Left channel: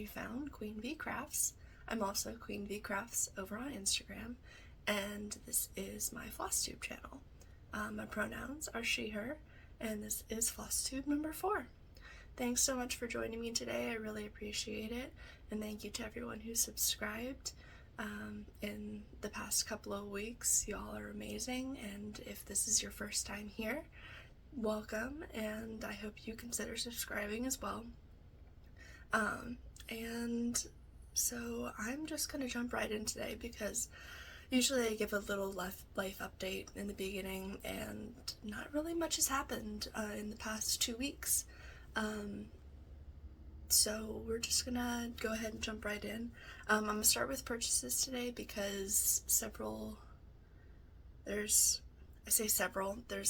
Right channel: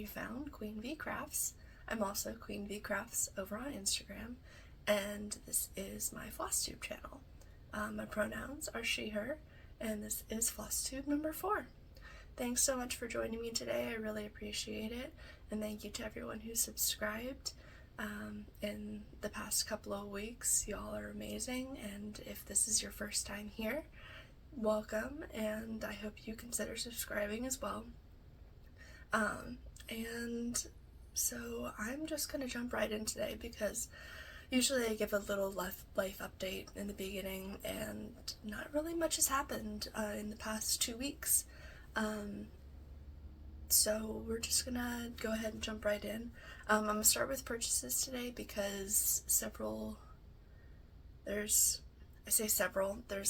you found Queen V Crafts. I'm also Queen V Crafts over on Instagram, and this is my Flosstube channel. My pronouns are she, her, and this is Flosstube number 4. Thanks so much for joining me today. I really appreciate it, and thank you to everyone who subscribed in the past couple of weeks. Y'all are amazing, and if this is your first time here, welcome, and I hope you consider subscribing as well. And so I'm just gonna jump right in today because usually I give a little life update in the beginning, and not really much has happened in the past 2 weeks. So we're just gonna go ahead and jump right in. I'm gonna start with purchases today because there's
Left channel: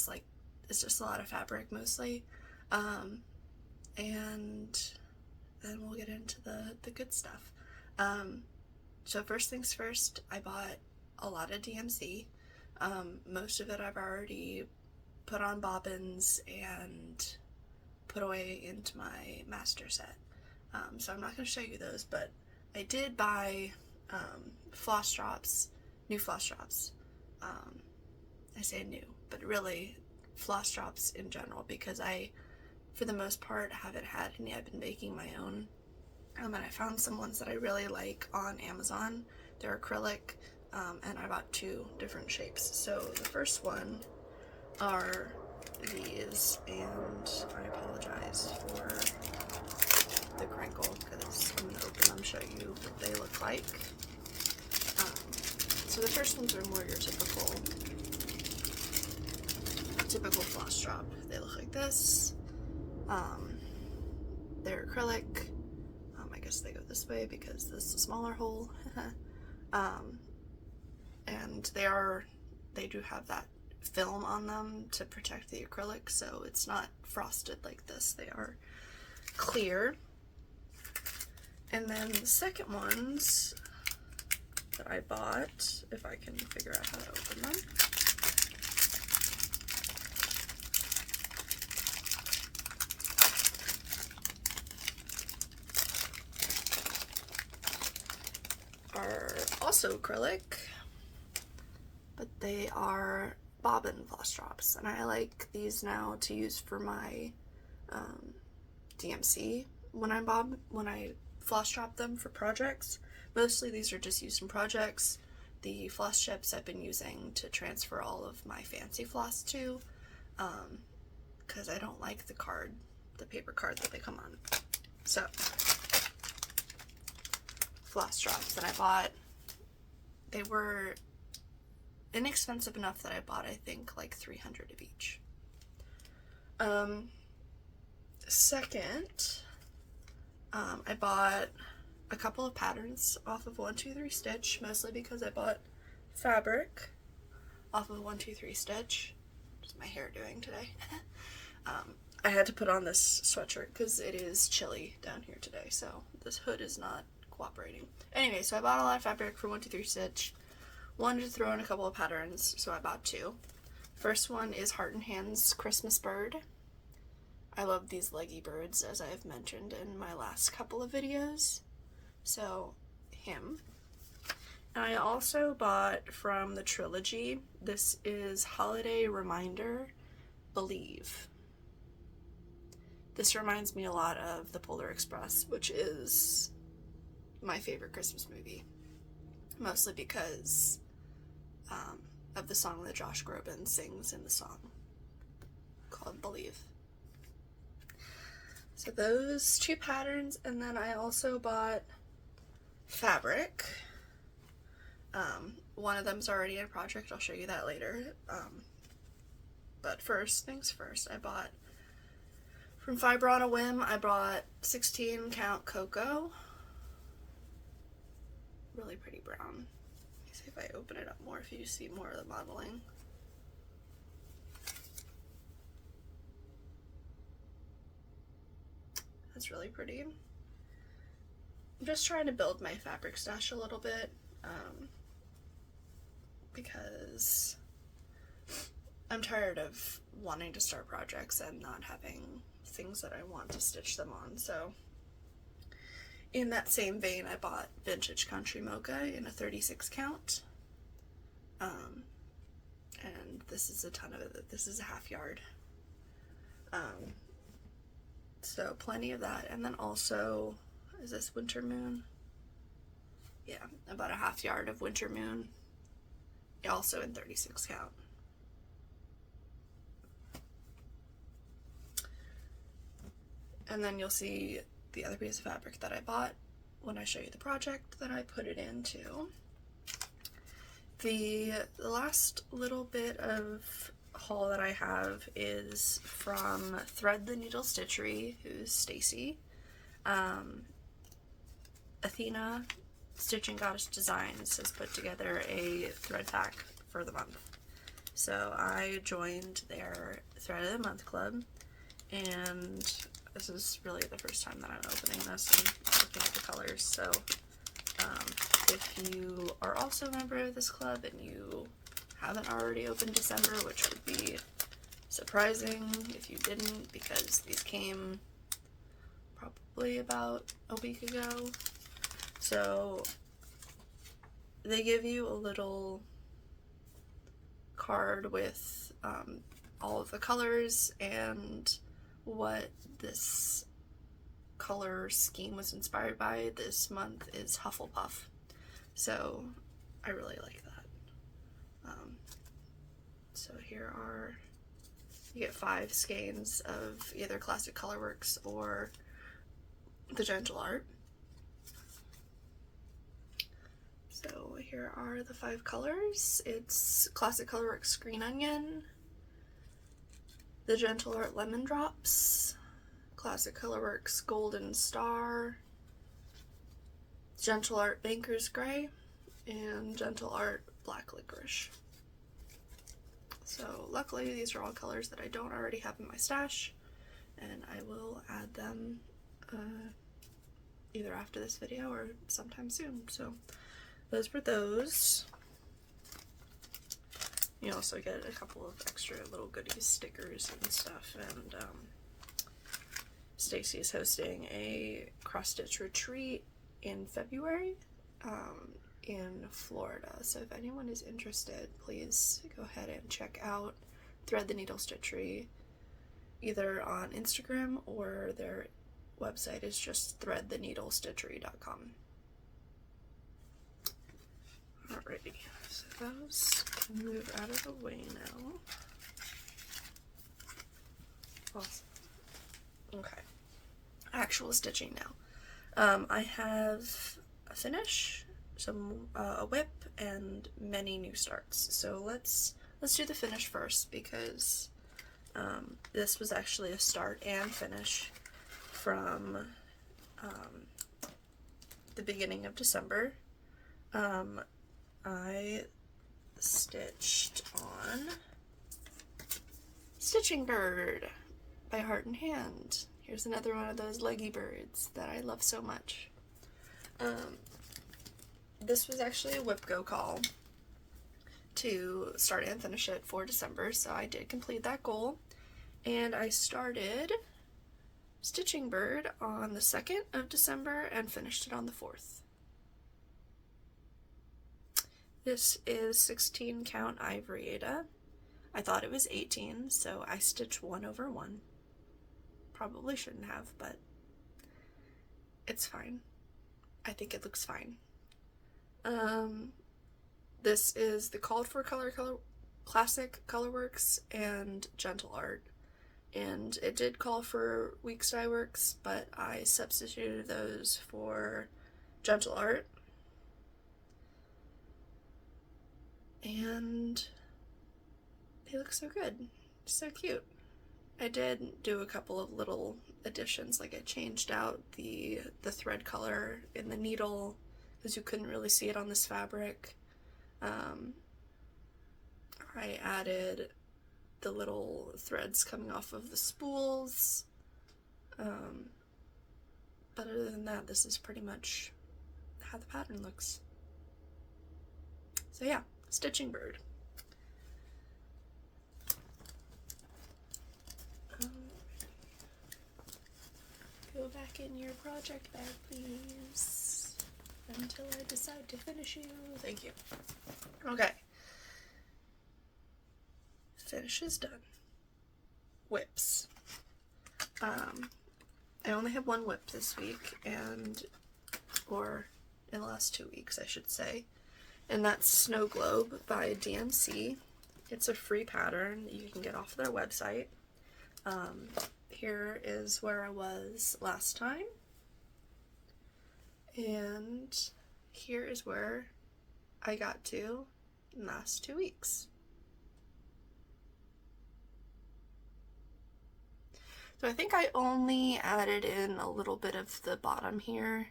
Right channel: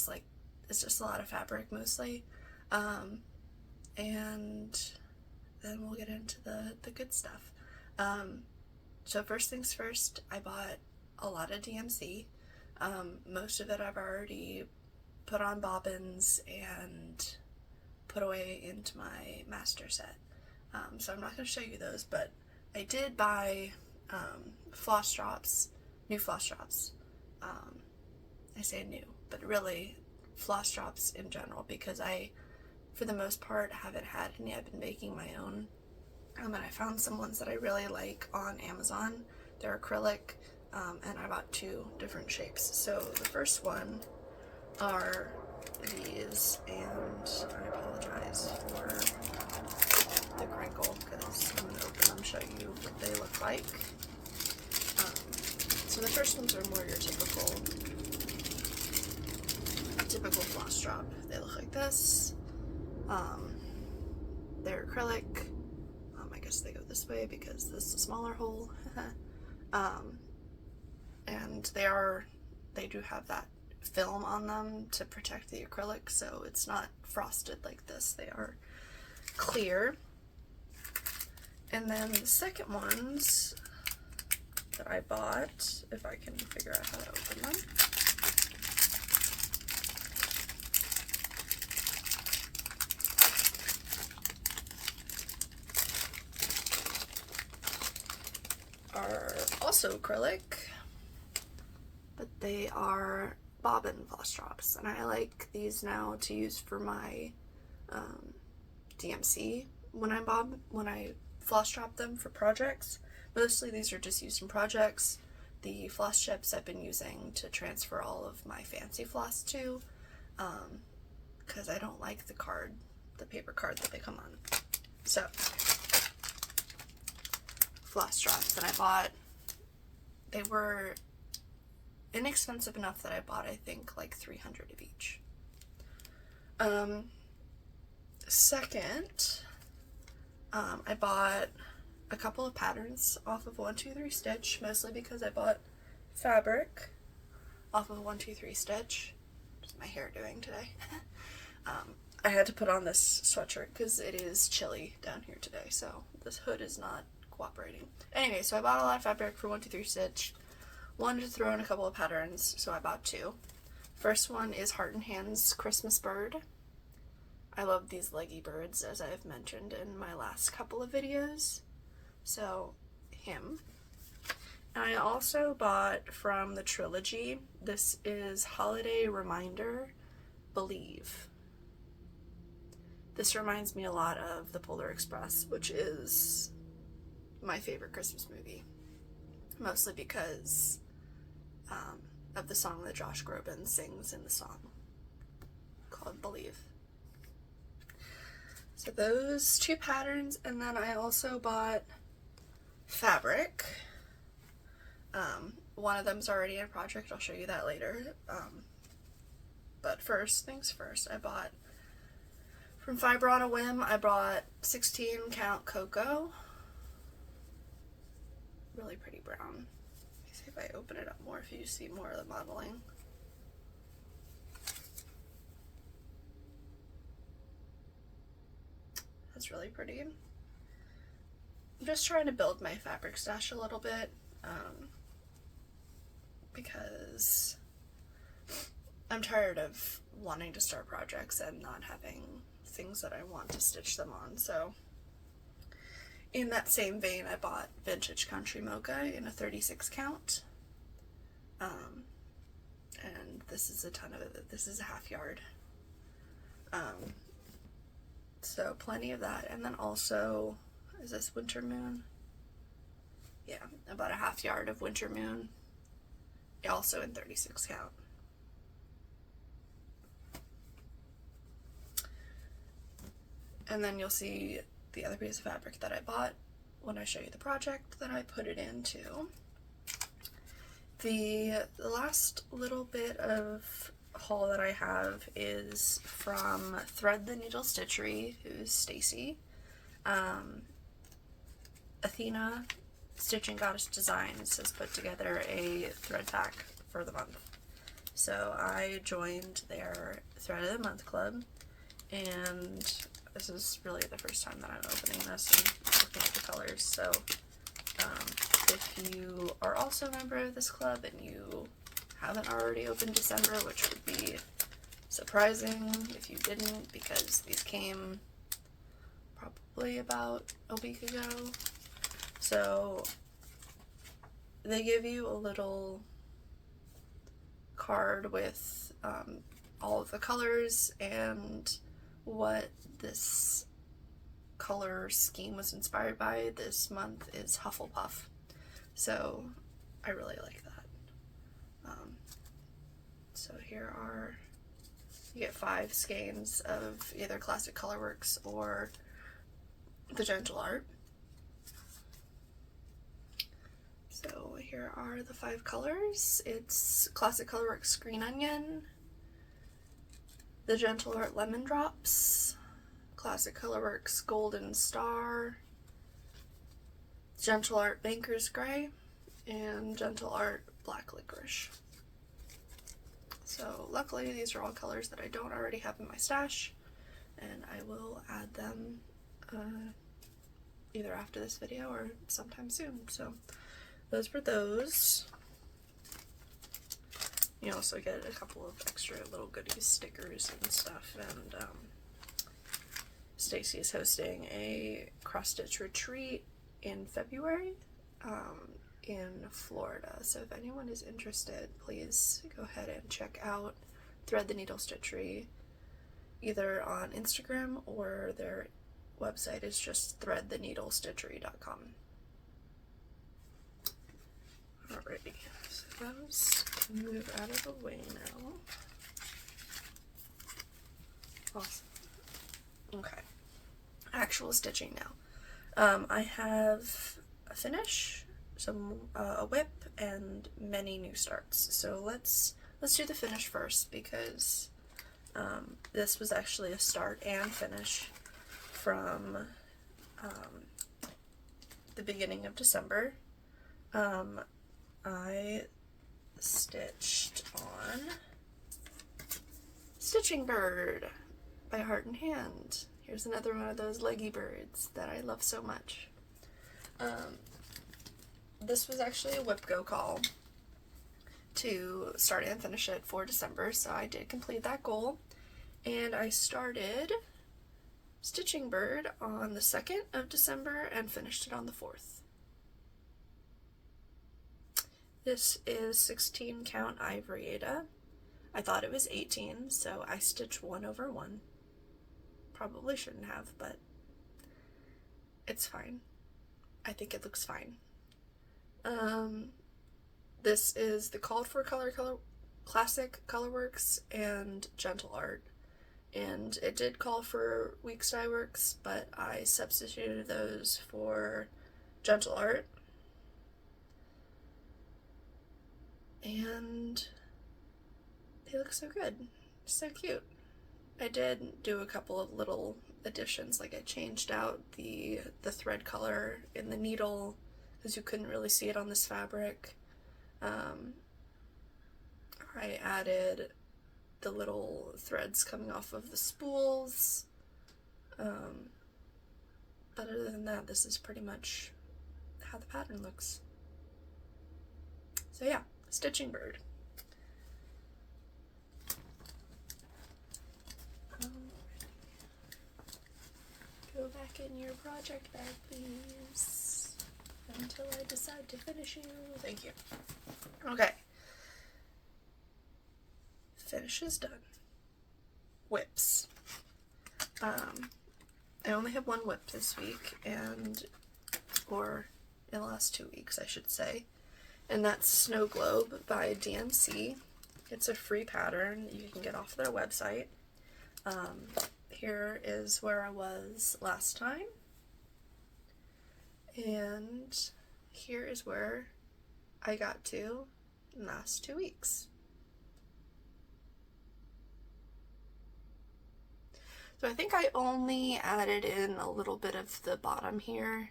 like, it's just a lot of fabric mostly, and then we'll get into the good stuff. So first things first, I bought a lot of DMC. Most of it I've already put on bobbins and put away into my master set. So I'm not going to show you those, but I did buy Floss Drops, new Floss Drops. I say new, but really Floss Drops in general, because I, for the most part, haven't had any. I've been making my own, and I found some ones that I really like on Amazon. They're acrylic, and I bought 2 different shapes. So the first one are these, and I apologize for the crinkle because I'm going to open them and show you what they look like. So the first ones are more your typical floss drop. They look like this. They're acrylic. I guess they go this way because this is a smaller hole. And they do have that film on them to protect the acrylic, so it's not frosted like this. They are clear. And then the second ones that I bought, if I can figure out how to open them. Are also acrylic, but they are bobbin floss drops, and I like these now to use for my DMC when I floss drop them for projects. Mostly these are just used in projects. The floss chips I've been using to transfer all of my fancy floss to, because I don't like the paper card that they come on. So floss drops that I bought, they were inexpensive enough that I bought, I think, like 300 of each. Second, I bought a couple of patterns off of 123 Stitch, mostly because I bought fabric off of 123 Stitch. What's my hair doing today? I had to put on this sweatshirt because it is chilly down here today, so this hood is not cooperating. Anyway, so I bought a lot of fabric for 123 Stitch. Wanted to throw in a couple of patterns, so I bought 2. First one is Heart and Hands Christmas Bird. I love these leggy birds, as I have mentioned in my last couple of videos. So, him. And I also bought from the Trilogy, this is Holiday Reminder, Believe. This reminds me a lot of The Polar Express, which is my favorite Christmas movie. Mostly because of the song that Josh Groban sings in the song called Believe. So those 2 patterns, and then I also bought fabric. One of them's already in a project, I'll show you that later. But first things first, I bought from Fiber on a Whim, I bought 16 count cocoa. Really pretty brown. Let me see if I open it up more, if you see more of the modeling. That's really pretty. I'm just trying to build my fabric stash a little bit, because I'm tired of wanting to start projects and not having things that I want to stitch them on. So In that same vein, I bought Vintage Country Mocha in a 36 count. And this is a ton of it. This is a half yard. So plenty of that. And then also, is this Winter Moon? Yeah, about a half yard of Winter Moon. Also in 36 count. And then you'll see the other piece of fabric that I bought when I show you the project that I put it into. The last little bit of haul that I have is from Thread the Needle Stitchery, who's Stacy. Athena, Stitching Goddess Designs, has put together a thread pack for the month. So I joined their Thread of the Month club, and this is really the first time that I'm opening this and looking at the colors. So if you are also a member of this club and you haven't already opened December, which would be surprising if you didn't, because these came probably about a week ago. So they give you a little card with all of the colors and what this color scheme was inspired by. This month is Hufflepuff, so I really like that. So here are, you get 5 skeins of either Classic Colorworks or the Gingerbread. So here are the 5 colors. It's Classic Colorworks Green Onion, the Gingerbread Lemon Drops, Classic Colorworks Golden Star, Gingerbread Banker's Gray, and Gingerbread Black Licorice. So luckily these are all colors that I don't already have in my stash, and I will add them either after this video or sometime soon. So those were those. You also get a couple of extra little goodies, stickers and stuff, and Stacy is hosting a cross-stitch retreat in February in Florida, so if anyone is interested, please go ahead and check out Thread the Needle Stitchery either on Instagram, or their website is just threadtheneedlestitchery.com. Alrighty, so those can move out of the way now. Awesome. Okay, actual stitching now. I have a finish, a whip, and many new starts. So let's do the finish first, because this was actually a start and finish from the beginning of December. I stitched on Stitching Bird by Heart and Hand. Here's another one of those leggy birds that I love so much. This was actually a WIP Go call to start and finish it for December, so I did complete that goal, and I started Stitching Bird on the 2nd of December and finished it on the 4th. This is 16 count ivory Ada. I thought it was 18, so I stitched 1 over 1. Probably shouldn't have, but it's fine. I think it looks fine. This is the called for color Classic Colorworks and Gingerbread, and it did call for Weeks Dye Works, but I substituted those for Gingerbread, and they look so good, so cute. I did do a couple of little additions, like I changed out the thread color in the needle because you couldn't really see it on this fabric. I added the little threads coming off of the spools, but other than that, this is pretty much how the pattern looks. So yeah, Stitching Bird. Go back in your project bag, please. Until I decide to finish you. Thank you. Okay. Finish is done. WIPs. I only have one WIP this week, or in the last 2 weeks, I should say. And that's Snow Globe by DMC. It's a free pattern you can get off their website. Here is where I was last time. And here is where I got to in the last 2 weeks. So I think I only added in a little bit of the bottom here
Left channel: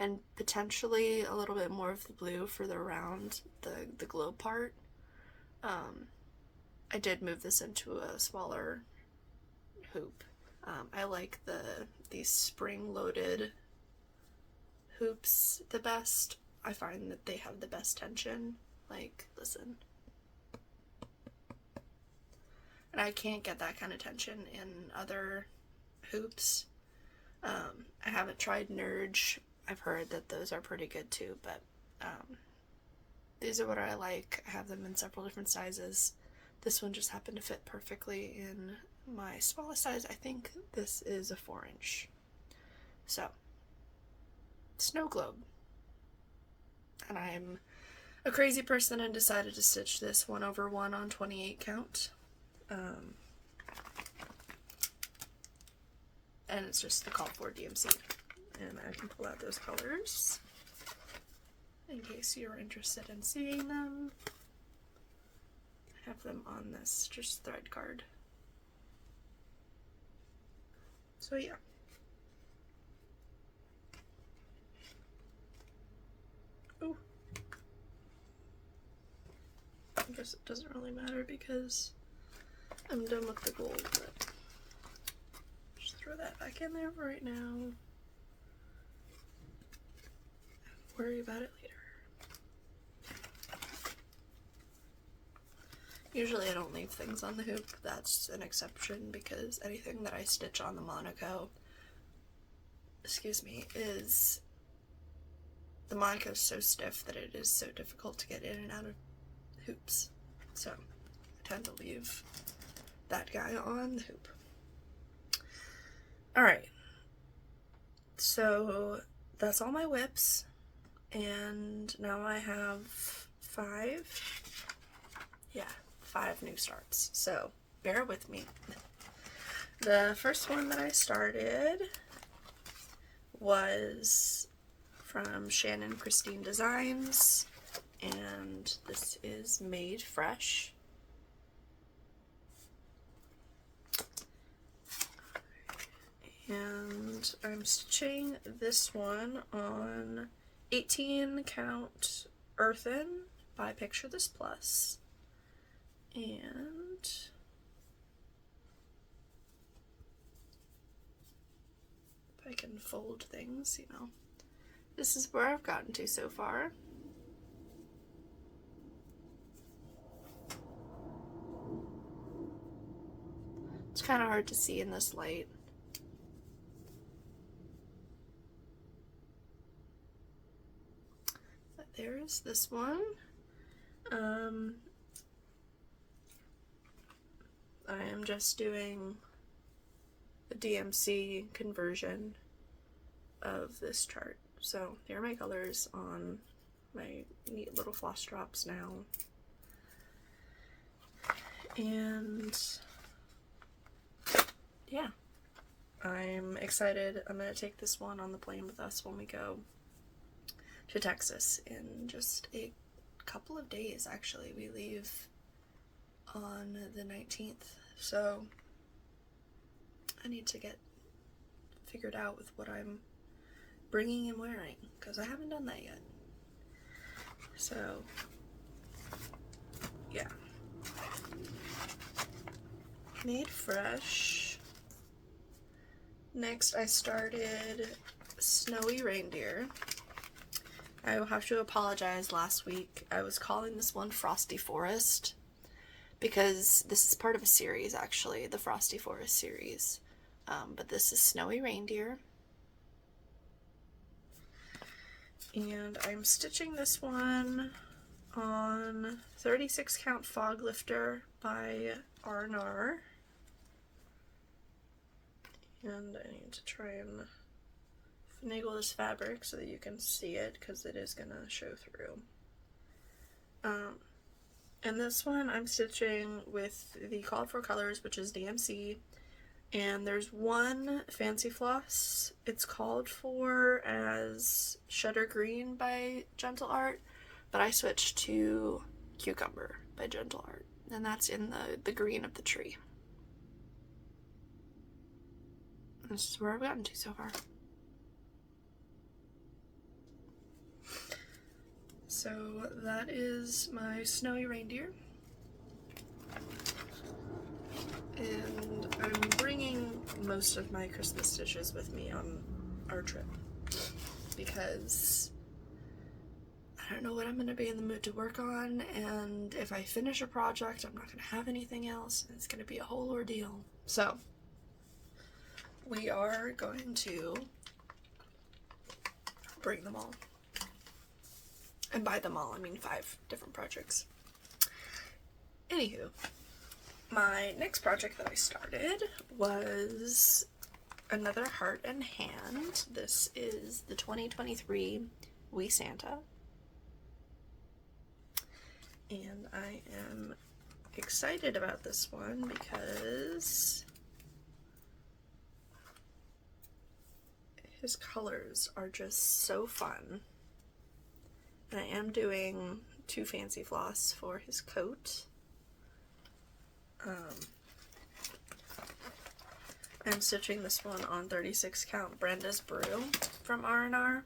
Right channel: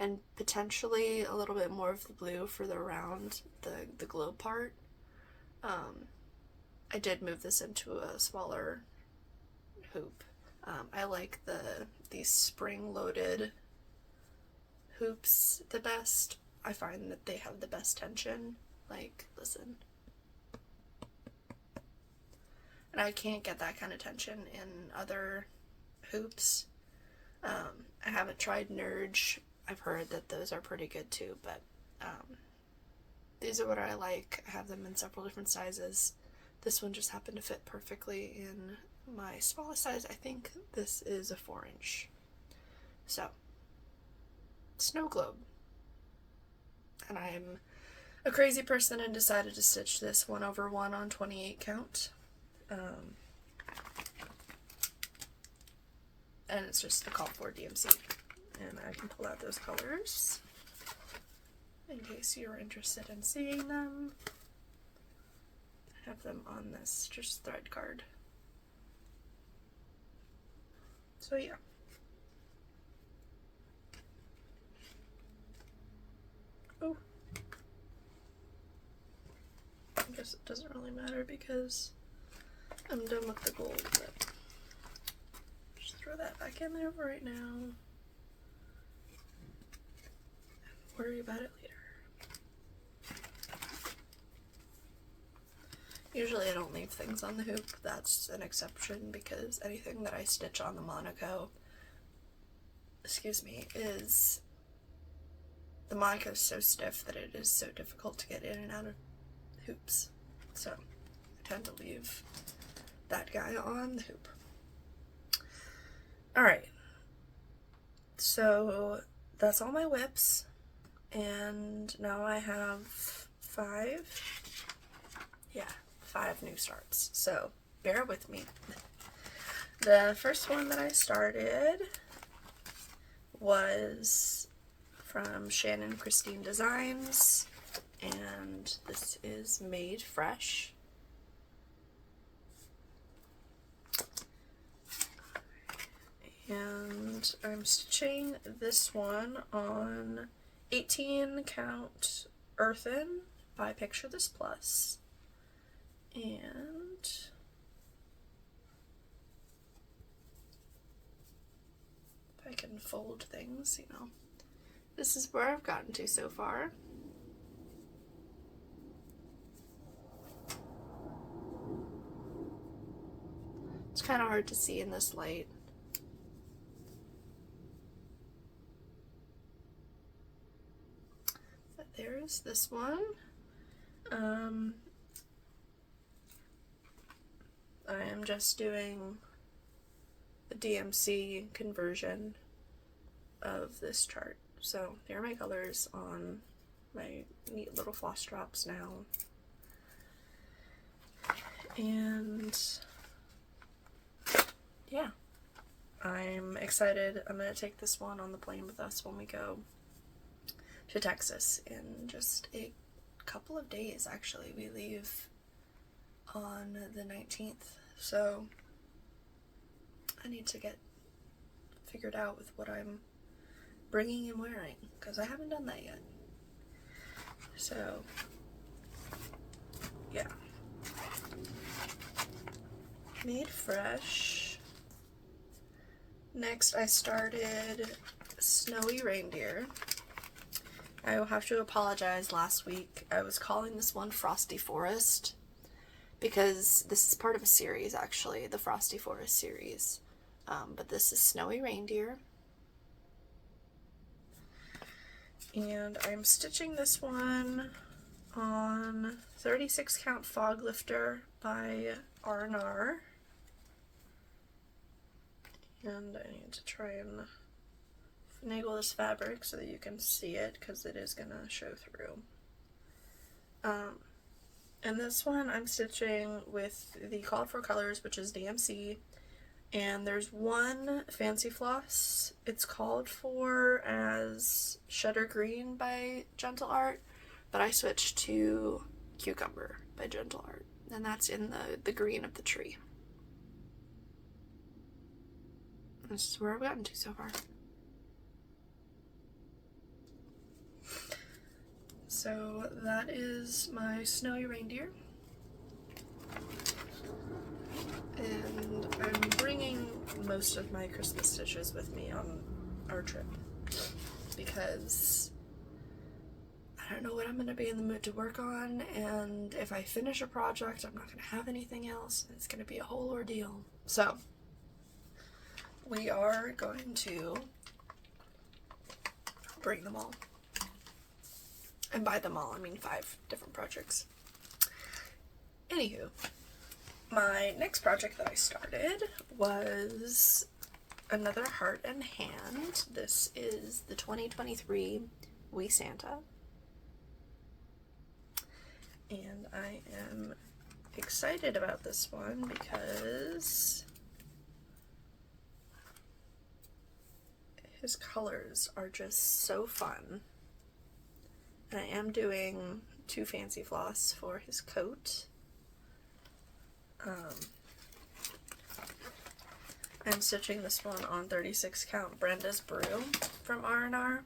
and potentially a little bit more of the blue for the round, the globe part. I did move this into a smaller hoop. I like these spring-loaded hoops the best. I find that they have the best tension. Like, listen. And I can't get that kind of tension in other hoops. I haven't tried Nerge. I've heard that those are pretty good too, but these are what I like. I have them in several different sizes. This one just happened to fit perfectly in my smallest size. I think this is a 4-inch. So, Snow Globe. And I'm a crazy person and decided to stitch this 1/1 on 28 count. And it's just the call for DMC. And I can pull out those colors in case you're interested in seeing them. I have them on this just thread card. So yeah. Oh. I guess it doesn't really matter because I'm done with the gold, but just throw that back in there for right now. Worry about it later. Usually I don't leave things on the hoop. That's an exception because anything that I stitch on the Monaco, is the Monaco is so stiff that it is so difficult to get in and out of hoops. So I tend to leave that guy on the hoop. Alright, so that's all my WIPs, and now I have 5 new starts, so bear with me. The first one that I started was from Shannon Christine Designs, and this is Made Fresh. And I'm stitching this one on 18 count earthen by Picture This Plus. And if I can fold things, this is where I've gotten to so far. It's kind of hard to see in this light. But there's this one. I am just doing the DMC conversion of this chart. So here are my colors on my neat little Floss Drops now. And yeah, I'm excited. I'm going to take this one on the plane with us when we go to Texas in just a couple of days, actually. We leave on the 19th, so I need to get figured out with what I'm bringing and wearing, because I haven't done that yet. So yeah, Made Fresh. Next I started Snowy Reindeer. I will have to apologize. Last week I was calling this one Frosty Forest because this is part of a series, actually, the Frosty Forest series. But this is Snowy Reindeer. And I'm stitching this one on 36 count Fog Lifter by R&R. And I need to try and finagle this fabric so that you can see it, because it is gonna show through. And this one I'm stitching with the called for colors, which is DMC, and there's one fancy floss. It's called for as Shutter Green by Gentle Art, but I switched to Cucumber by Gentle Art, and that's in the green of the tree. This is where I've gotten to so far. So that is my snowy reindeer, and I'm bringing most of my Christmas stitches with me on our trip because I don't know what I'm going to be in the mood to work on, and if I finish a project I'm not going to have anything else, and it's going to be a whole ordeal. So we are going to bring them all. And by them all, I mean 5 different projects. Anywho, my next project that I started was another heart and hand. This is the 2023 Wee Santa. And I am excited about this one because his colors are just so fun. And I am doing 2 fancy floss for his coat. I'm stitching this one on 36 count Brenda's Brew from R&R.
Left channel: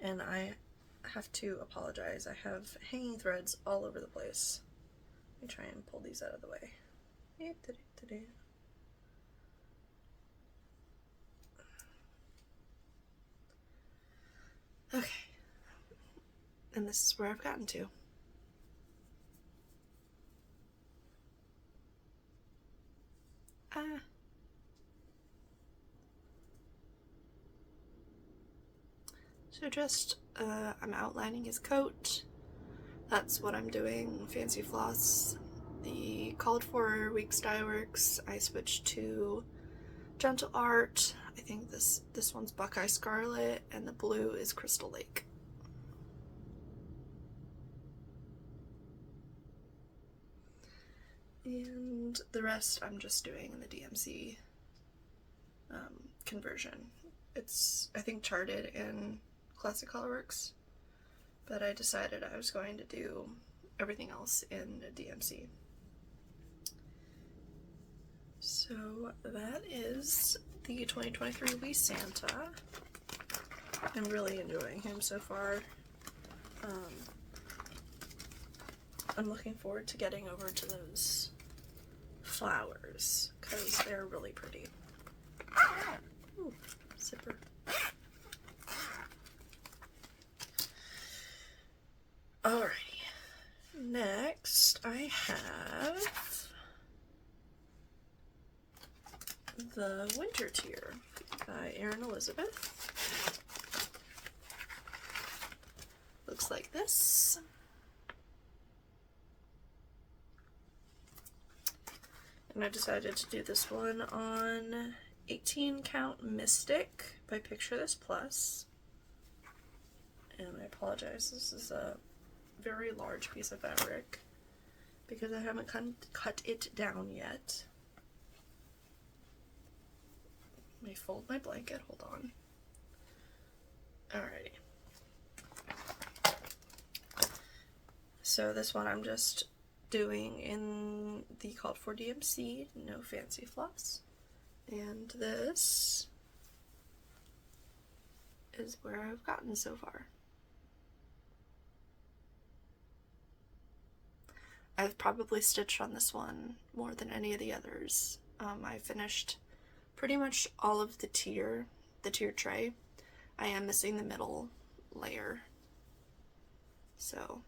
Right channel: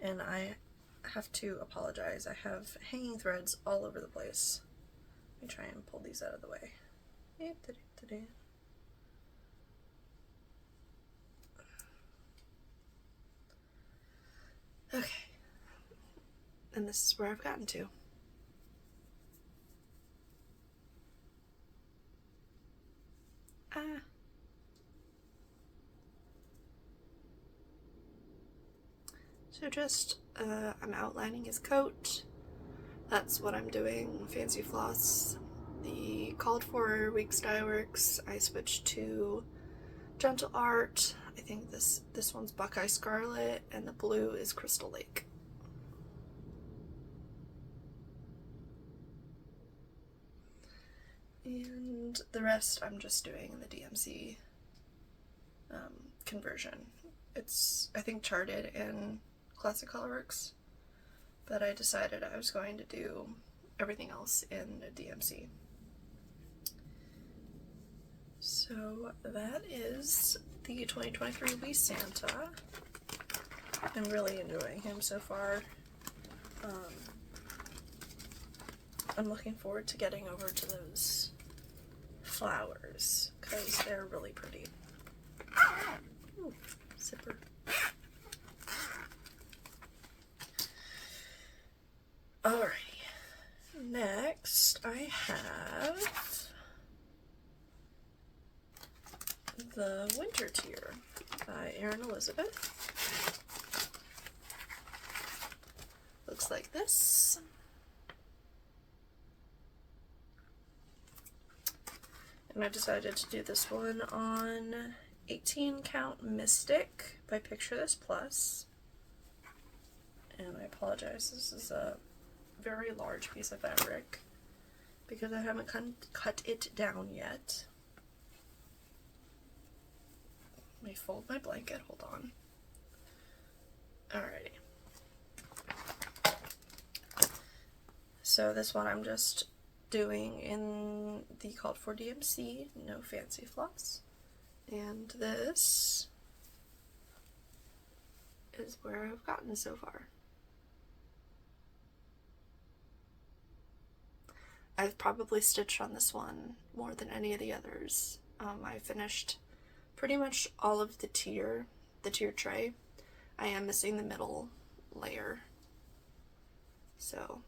And I have to apologize. I have hanging threads all over the place. Let me try and pull these out of the way. Okay. And this is where I've gotten to. So just, I'm outlining his coat. That's what I'm doing. Fancy floss. The called for week's dye works, I switched to Gentle Art. I think this one's Buckeye Scarlet, and the blue is Crystal Lake. And the rest I'm just doing in the DMC conversion. It's, I think, charted in Classic Colorworks, but I decided I was going to do everything else in the DMC. So that is the 2023 Wee Santa. I'm really enjoying him so far. I'm looking forward to getting over to those flowers because they're really pretty. Ooh, zipper. Alrighty, next I have the Winter Tier by Erin Elizabeth. Looks like this. And I decided to do this one on 18 count Mystic by Picture This Plus. And I apologize, this is a very large piece of fabric because I haven't cut it down yet. Let me fold my blanket, hold on. Alrighty. So this one I'm just doing in the called for DMC, no fancy floss. And this is where I've gotten so far. I've probably stitched on this one more than any of the others. I finished pretty much all of the tier tray. I am missing the middle layer, so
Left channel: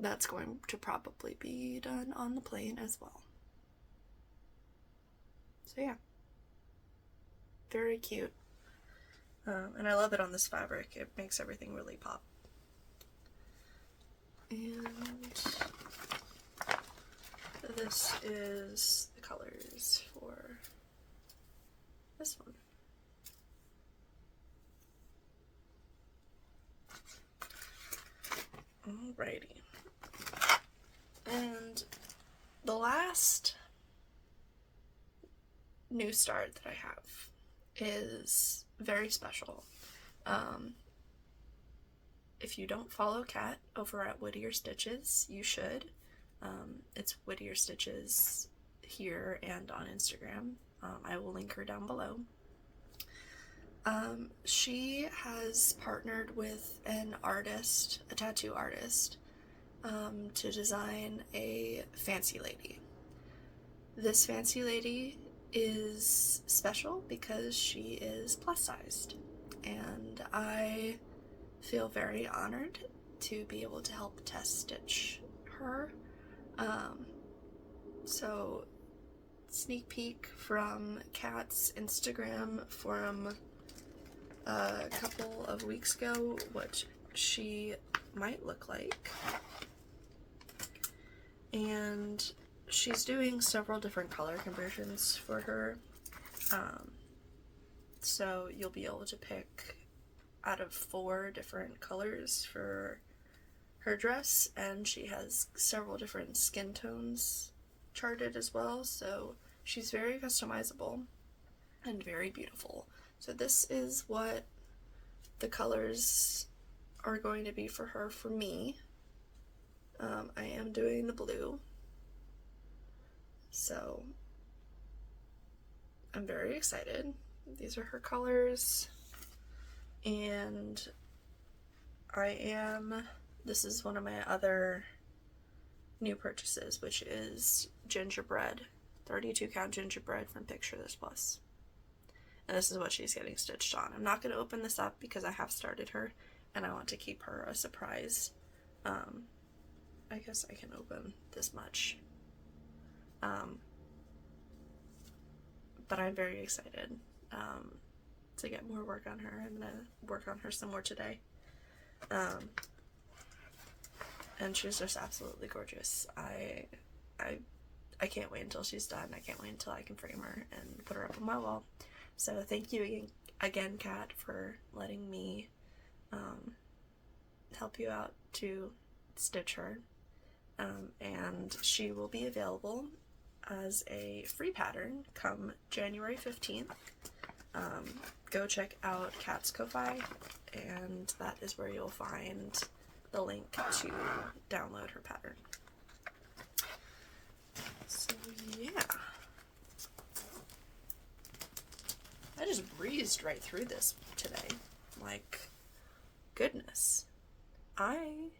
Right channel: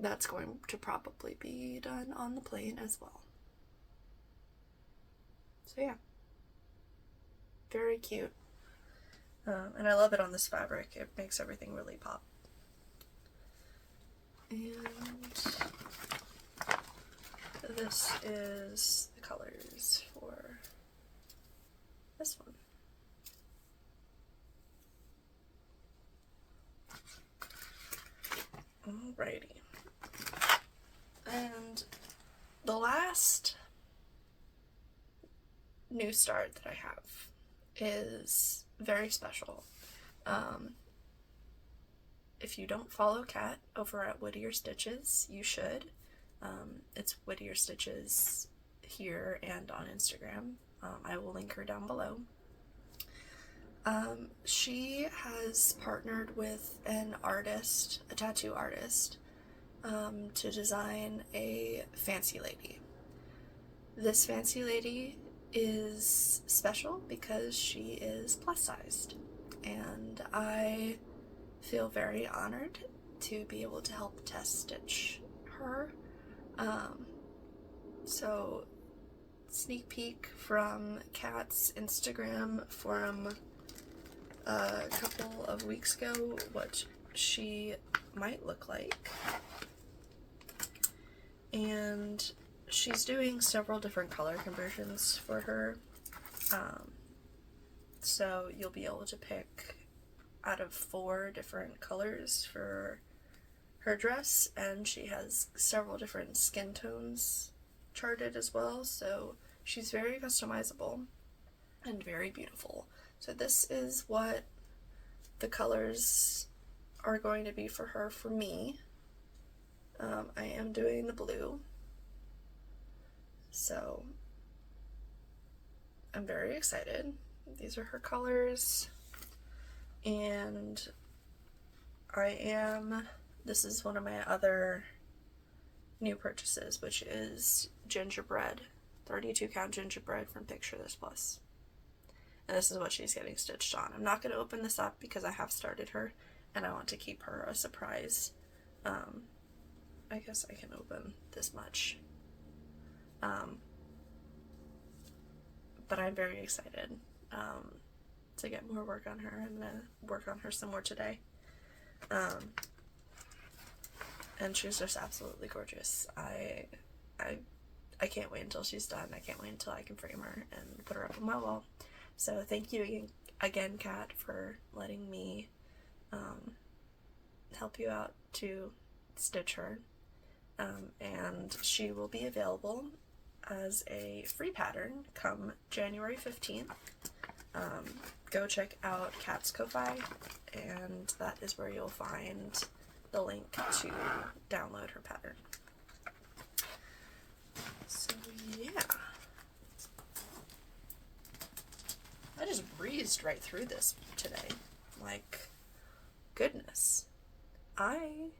that's going to probably be done on the plane as well. So yeah, very cute. And I love it on this fabric. It makes everything really pop. And this is the colors for this one. Alrighty. And the last new start that I have is very special. If you don't follow Kat over at Whittier Stitches, you should. It's Whittier Stitches here and on Instagram. I will link her down below. She has partnered with an artist, a tattoo artist, to design a fancy lady. This fancy lady is special because she is plus sized, and I feel very honored to be able to help test stitch her. So sneak peek from Kat's Instagram from a couple of weeks ago what she might look like. And she's doing several different color conversions for her. So you'll be able to pick out of 4 different colors for her dress, and she has several different skin tones charted as well, so she's very customizable and very beautiful. So this is what the colors are going to be for her for me. I am doing the blue, so I'm very excited. These are her colors, and this is one of my other new purchases, which is Gingerbread, 32 count Gingerbread from Picture This Plus. And this is what she's getting stitched on. I'm not going to open this up because I have started her, and I want to keep her a surprise. I guess I can open this much. But I'm very excited to get more work on her. I'm going to work on her some more today. And she's just absolutely gorgeous. I can't wait until she's done. I can't wait until I can frame her and put her up on my wall. So thank you again, Kat, for letting me help you out to stitch her. And she will be available as a free pattern come January 15th. Go check out Kat's Ko-Fi, and that is where you'll find the link to download her pattern. So yeah, I just breezed right through this today. Like, goodness, I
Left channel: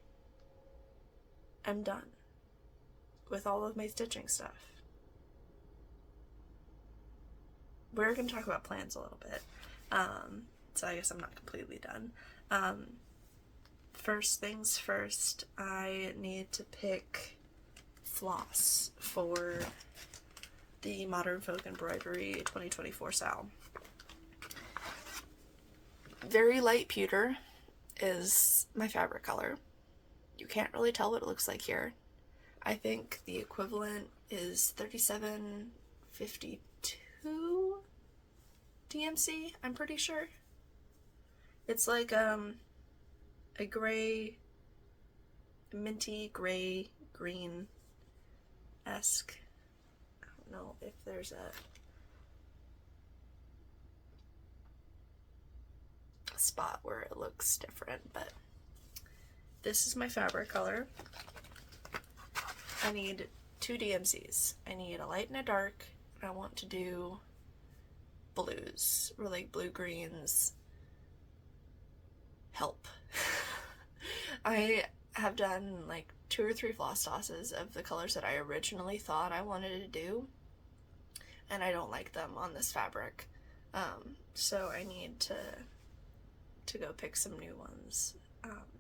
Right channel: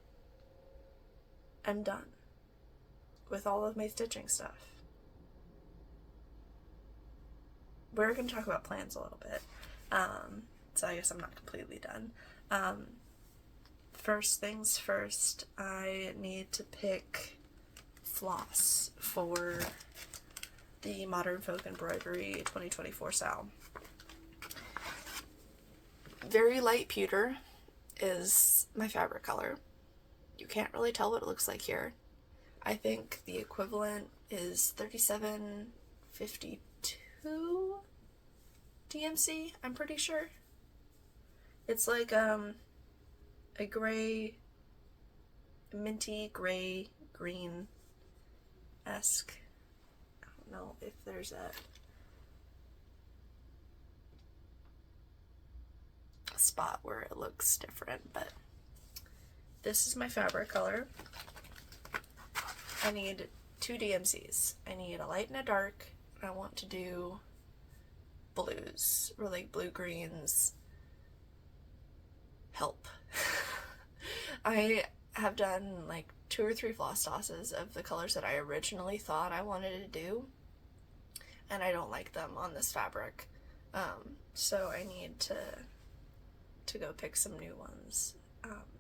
am done with all of my stitching stuff. We're going to talk about plans a little bit, so I guess I'm not completely done. First things first, I need to pick floss for the Modern Folk Embroidery 2024 style. Very light pewter is my fabric color. You can't really tell what it looks like here. I think the equivalent is 3752 DMC, I'm pretty sure. It's like a gray, minty gray green-esque. I don't know if there's a spot where it looks different, but this is my fabric color. I need 2 DMCs. I need a light and a dark, and I want to do blues, or like blue-greens. Help. I have done like 2 or 3 floss tosses of the colors that I originally thought I wanted to do, and I don't like them on this fabric. So I need to go pick some new ones.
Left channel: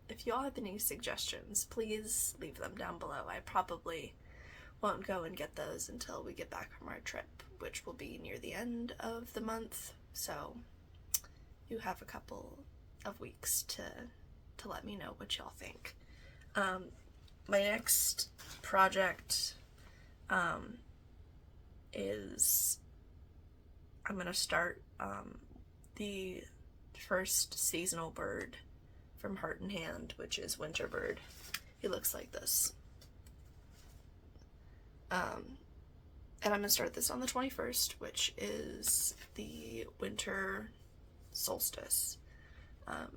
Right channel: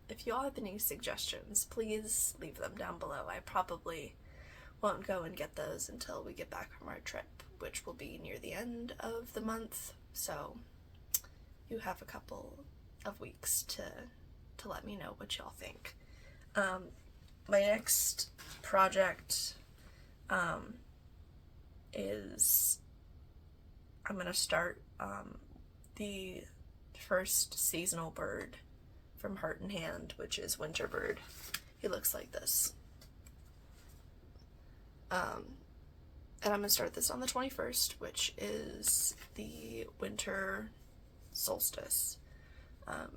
If y'all have any suggestions, please leave them down below. I probably won't go and get those until we get back from our trip, which will be near the end of the month. So you have a couple of weeks to let me know what y'all think. My next project is I'm gonna start the first seasonal bird from Heart and Hand, which is Winterbird. He looks like this. And I'm gonna start this on the 21st, which is the winter solstice.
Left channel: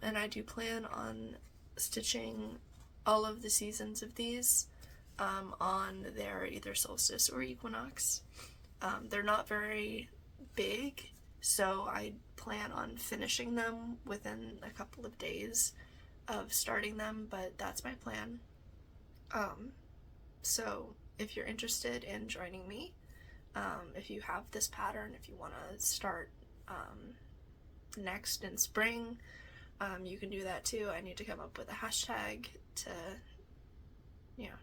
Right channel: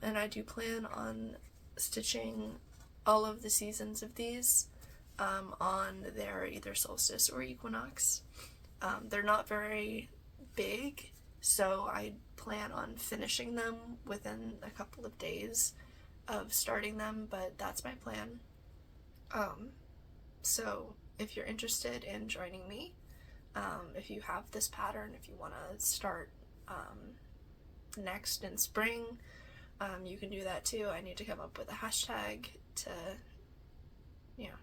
And I do plan on stitching all of the seasons of these on their either solstice or equinox. They're not very big, so I plan on finishing them within a couple of days of starting them, but that's my plan. So if you're interested in joining me, if you have this pattern, if you want to start next in spring, you can do that too. I need to come up with a hashtag to,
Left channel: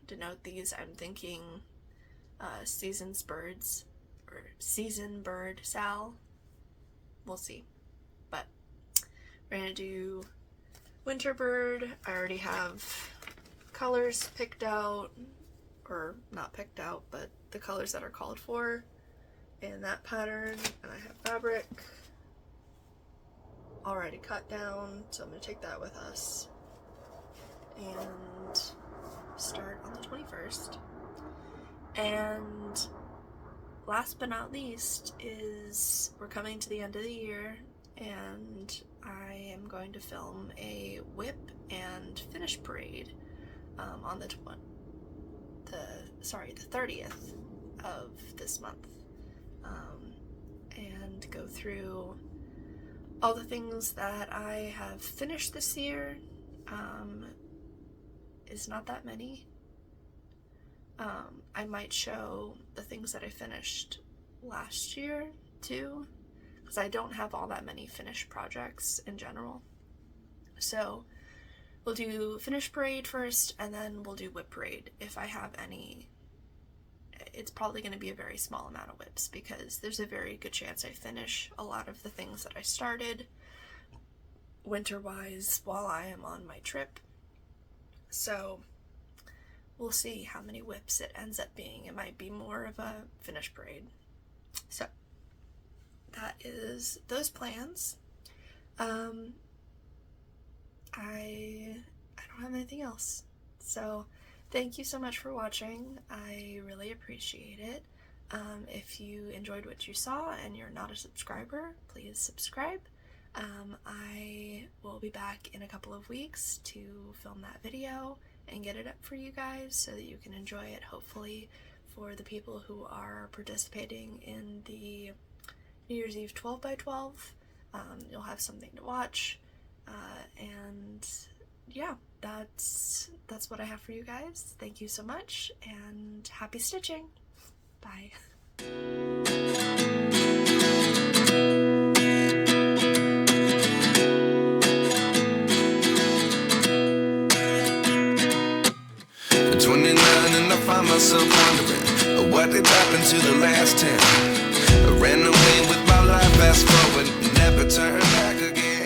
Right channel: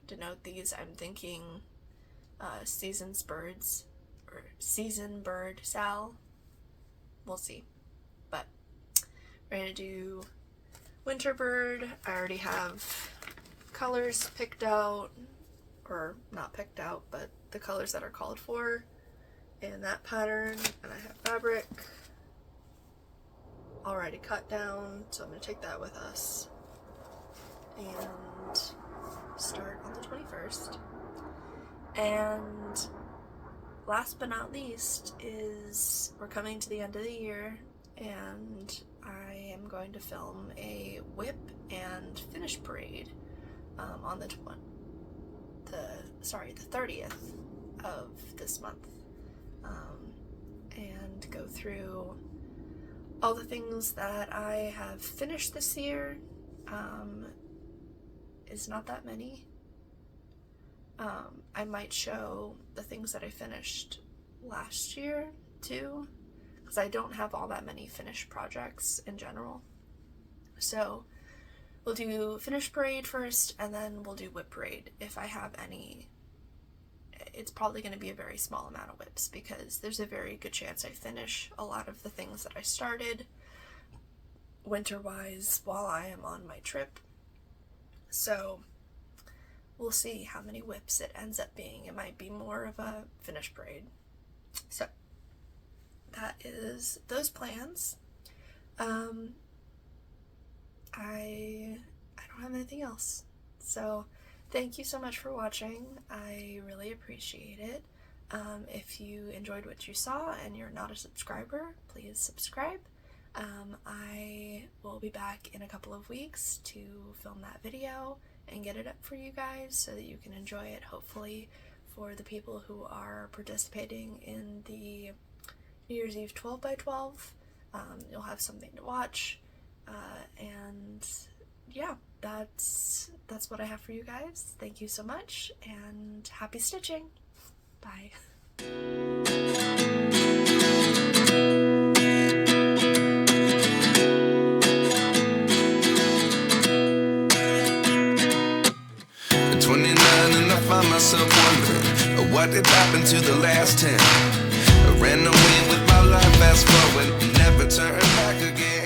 denote these. I'm thinking seasons birds or season bird Sal. We'll see. But we're gonna do winter bird. I already have colors picked out, or not picked out, but the colors that are called for in that pattern, and I have fabric already cut down, so I'm going to take that with us and start on the 21st. And last but not least is we're coming to the end of the year, and I am going to film a WIP and finish parade on the 30th of this month, and go through all the things that I have finished this year. Is not that many. I might show the things that I finished last year too, because I don't have all that many finished projects in general. So we'll do finish parade first, and then we'll do WIP parade if I have any. It's probably going to be a very small amount of WIPs because there's a very good chance I finish a lot of the things that I started winter-wise while I am on my trip. So we'll see how many WIPs it ends up being. It might be more of a finish parade. So that is those plans. I don't have anything else. So thank you so much for watching. I really appreciate it. If you enjoyed what you saw and you're not a subscriber, please subscribe. I will be back in a couple of weeks to film that video and get it up for you guys so that you can enjoy it, hopefully, for the people who are participating in the New Year's Eve 12 by 12. You'll have something to watch, and yeah, that's what I have for you guys. Thank you so much, and happy stitching. Bye. At 29 and I find myself wondering what did happen to the last 10. I ran away with my life, fast forward, never turn back again.